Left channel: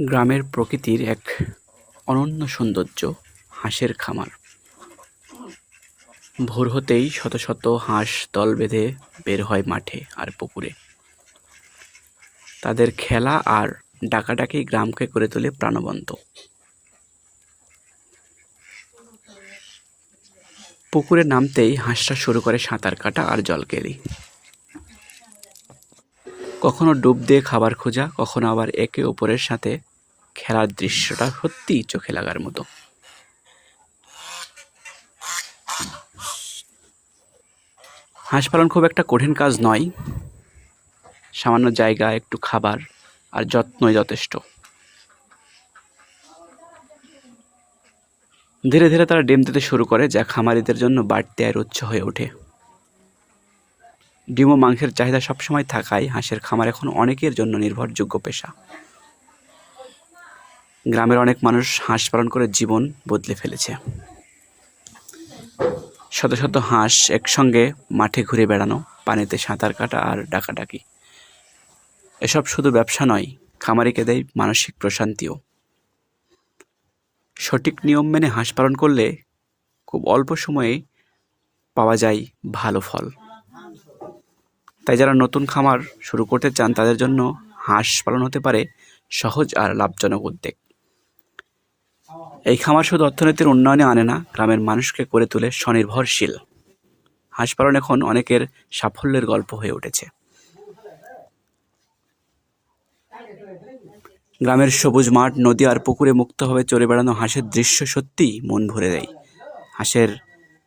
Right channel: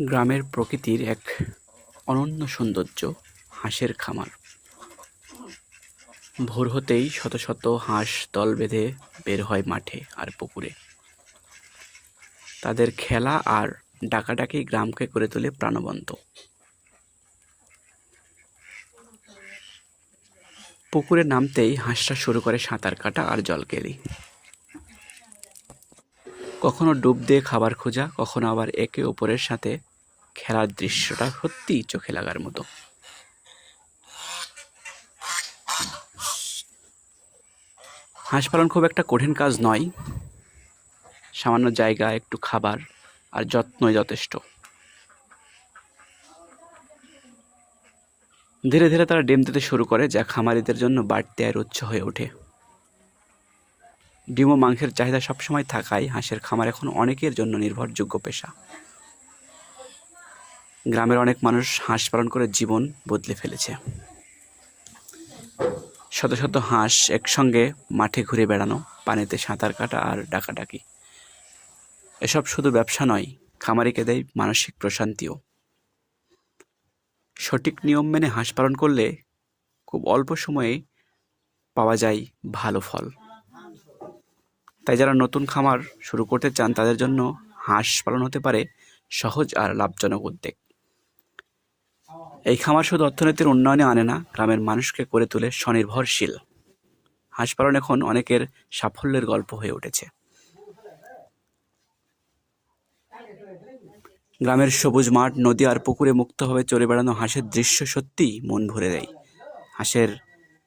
গ্রামের প্রকৃতির এক অনন্য সৌন্দর্য, হাঁসের খামার। ভোর হতেই শত শত হাঁস দল বেঁধে বের হয় মাঠে আর পুকুরে। তাদের খেলা আর ডাকাডাকি গ্রামকে করে তোলে প্রাণবন্ত। পুকুরে নামতেই হাঁসটা শুরু করে সাঁতার কাটা আর জল কেলি। কখনো ডুব দিয়ে খাবার খোঁজা, কখনো আবার একে অপরের সাথে খেলার দৃশ্যটা সত্যিই চোখে লাগার মতো। হাঁস পালন খুব একটা কঠিন কাজ নয়। সামান্য জায়গা, একটু খাবার আর যত্নই যথেষ্ট। ধীরে ধীরে তারা ডিম দিতে শুরু করে, যা খামারিদের জন্য বাড়তি আর উৎস হয়ে ওঠে। ডিম ও মাংসের চাহিদা সবসময় থাকায় হাঁসের খামার এখন অনেকের জন্য নির্ভরযোগ্য পেশা। গ্রামের অনেক মানুষ হাঁস পালন করে জীবন বদলে ফেলেছে। শত শত হাঁস একসঙ্গে মাঠে ঘুরে বেড়ানো, পানিতে সাঁতার কাটা আর ডাকাডাকি। এসব শুধু ব্যবসা নয়, খামারিকে দেয় মানসিক প্রশান্তিও। সঠিক নিয়ম মেনে হাঁস পালন করলে খুব অল্প সময়ে পাওয়া যায় ভালো ফল। তাই যারা নতুন খামার শুরু করতে চান, তাদের জন্য হাঁস পালন হতে পারে সহজ আর লাভজনক উদ্যোগ। এই খামার শুধু অর্থনীতির উন্নয়নে আনে না, গ্রামের মানুষকে করে তোলে স্বনির্ভরশীল। হাঁস পালন এখন অনেকের সাফল্যের গল্প হয়ে উঠেছে। গ্রামের সবুজ মাঠ, নদী আর পুকুরে মুক্তভাবে চড়ে বেড়ানো হাঁসের দৃশ্য সত্যিই মন ভরে দেয়। হাঁসের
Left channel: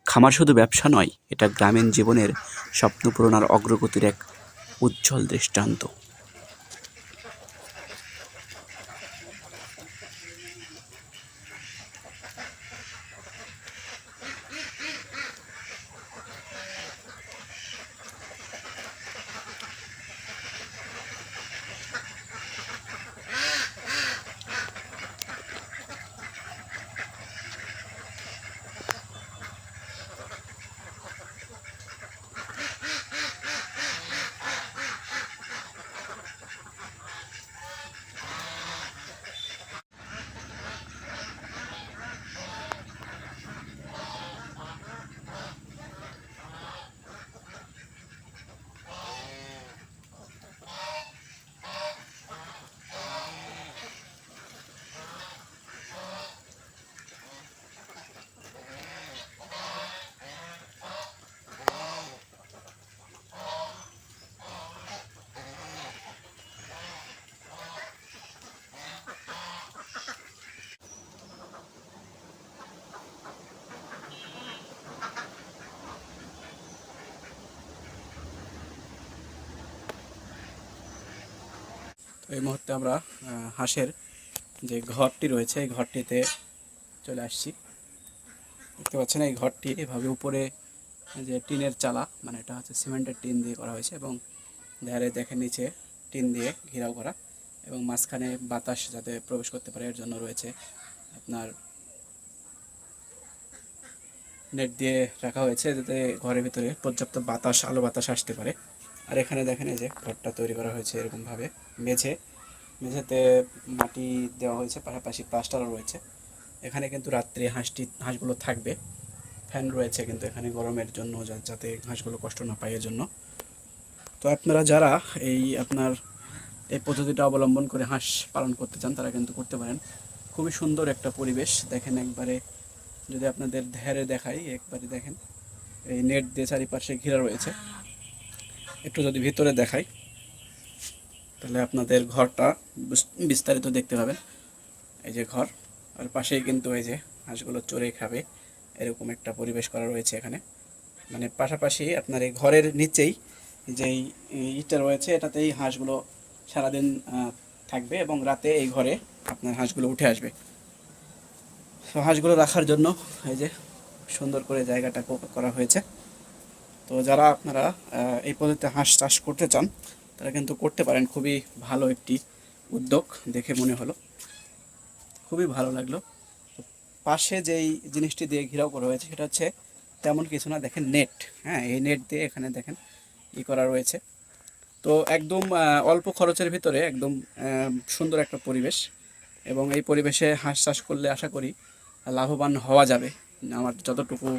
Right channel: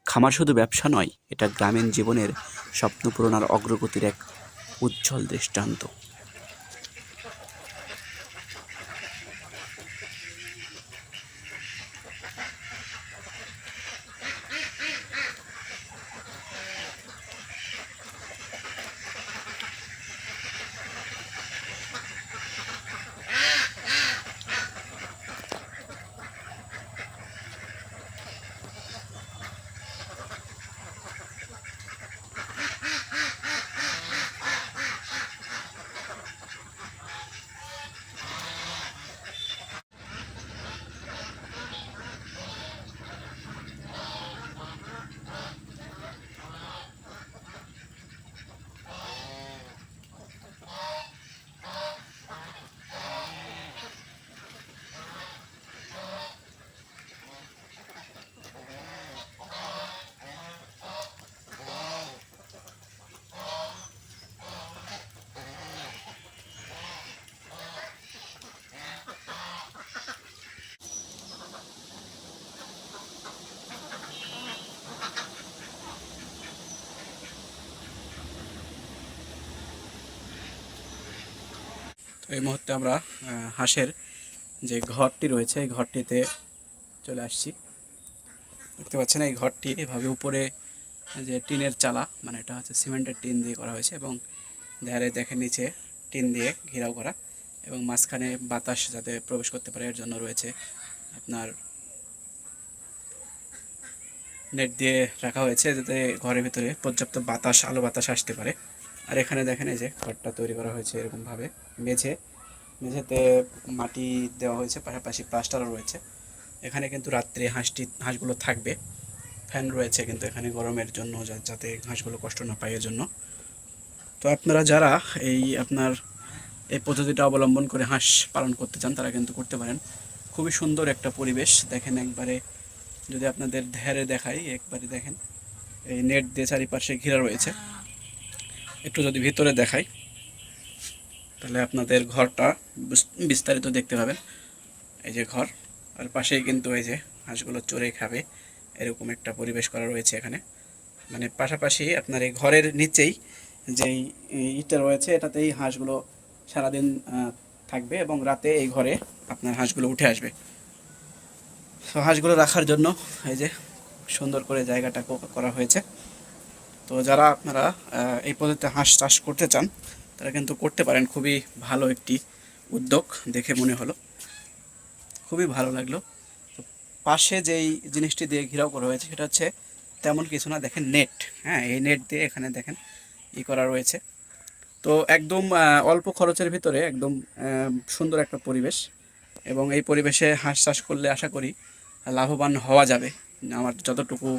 খামার শুধু ব্যবসা নয়, এটা গ্রামীণ জীবনের আর অগ্রগতির এক উজ্জ্বল দৃষ্টান্ত। তো এই মুহূর্তে আমরা হাঁসের যে ঘরটি রয়েছে, এই ঘরটিতে চলে আসছি। দেখতে পাচ্ছেন, এই ঘরটি এভাবে উপরে যে টিনের চালা মানে এটা হচ্ছে সিমেন্টের টিন দিয়ে করা হয়েছে এবং ধারে দেখেন নিচে টিন দিয়ে ঘেরাও করা এবং মাঝখানে বাতাস যাতে প্রবেশ করতে পারে, এর জন্য রয়েছে আপনার নেট দিয়ে রাখা হয়েছে যাতে ঘরের ভিতরে পর্যাপ্ত বাতাস, আলো বাতাস আসতে পারে। আর এখানে দেখেন এই যে ঘরটা তৈরি করা হয়েছে এরকমভাবে। মেঝে, মেঝেতে মাটি দেওয়া হয়েছে, পাশাপাশি প্লাস্টারও রয়েছে। এখানে কিন্তু রাত্রে হাঁসটি, হাঁসগুলো থাকবে। ফ্যান রয়েছে কিন্তু এখানে গরমের জন্য যাতে হাঁসগুলো কষ্ট না পায় এর জন্য তো আপনারা যারা এই আপনার এই পদ্ধতিটা অবলম্বন করে হাঁস পালন করতে চান, তারা কিন্তু করতে পারেন। খুবই সুন্দর একটা পরিবেশ। দেখেন একবারে, যদি আপনাদের ধ্যারে দেখাই, একবারে দেখেন। এই নেট দিয়ে চারিপাশে ঘেরা রয়েছে। একটু যদি ভিতরে দেখাই, তাহলে আপনাদের ঘরটা বিস্তারিত দেখতে পাবেন। এই যে ঘর, আর পাশেই কিন্তু এই যে হাঁসগুলো চড়ে খাবে, এরকম একটা পরিবেশ করা রয়েছে এখানে। মানে পাশাপাশি আপনার এই ঘরের নিচেই যেই ইটটা রয়েছে, এটাতেই হাঁসগুলো সারাদিন থাকবে এবং রাতে এই ঘরে আপনার হাঁসগুলো উঠে আসবে। তো হাঁসগুলো রাখার জন্য এই যে সুন্দর করে জায়গাটা করা হয়েছে। তো যারা আপনারা এই পদ্ধতিতে হাঁস চাষ করতে চান, তারা কিন্তু করতে পারেন। খুবই ভালো একটি উদ্যোগ দেখে মনে হলো। খুবই ভালো লাগল। তো পাশে যেই জিনিসটি দিয়ে ঘেরাও করা হয়েছে, সেটা হচ্ছে তেমন কিছু না, দেখেন নেট। হ্যাঁ এই নেট দিয়ে এখানে দেখেন ই করা রয়েছে। তো একদম অল্প খরচের ভিতরে একদম সুন্দর একটা পরিবেশ। এবং এই পরিবেশে হাঁস চাষ করলে আশা করি লাভবান হওয়া যাবে, আমার যতটুকু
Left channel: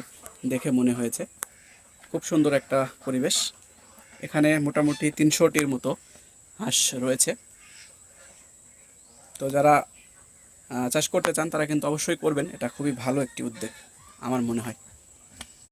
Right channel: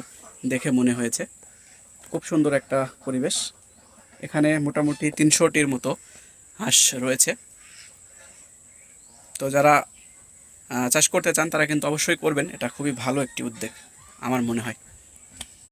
দেখে মনে হয়েছে। খুব সুন্দর একটা পরিবেশ। এখানে মোটামুটি তিনশোটির মতো হাঁস রয়েছে। তো যারা চাষ করতে চান তারা কিন্তু অবশ্যই করবেন। এটা খুবই ভালো একটি উদ্যোগ, আমার মনে হয়।